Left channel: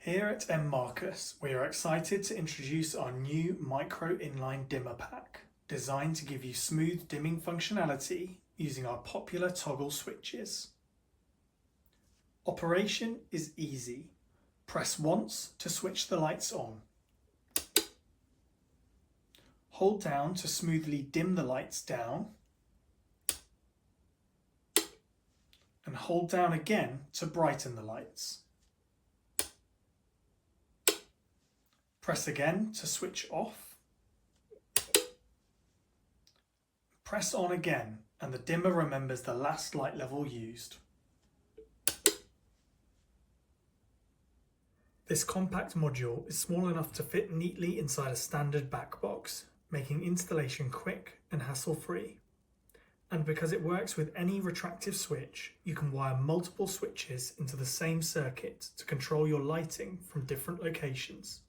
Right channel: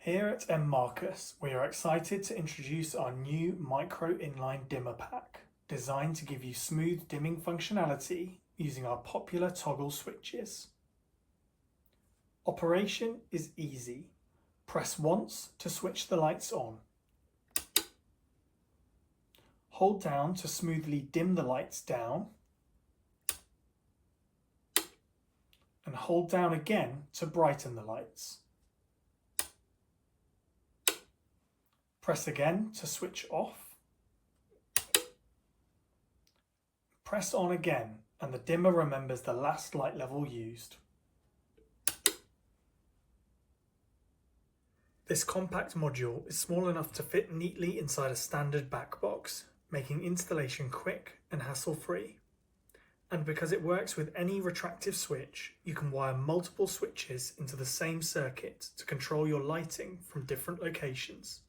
Here at M. Marcus, we are excited to introduce our new micro inline dimmer pack, designed to give you smooth dimming functionality using our popular toggle switches. Operation is easy. Press once to switch the lights on. Hold down to smoothly dim the lights down, and hold down again to brighten the lights. Press again to switch off. Press on again and the dimmer remembers the last light level used. This compact module is small enough to fit neatly inside a standard back box, making installation quick and hassle-free. And because it works with any retractive switch, you can wire multiple switches into the same circuit to control your lighting from different locations.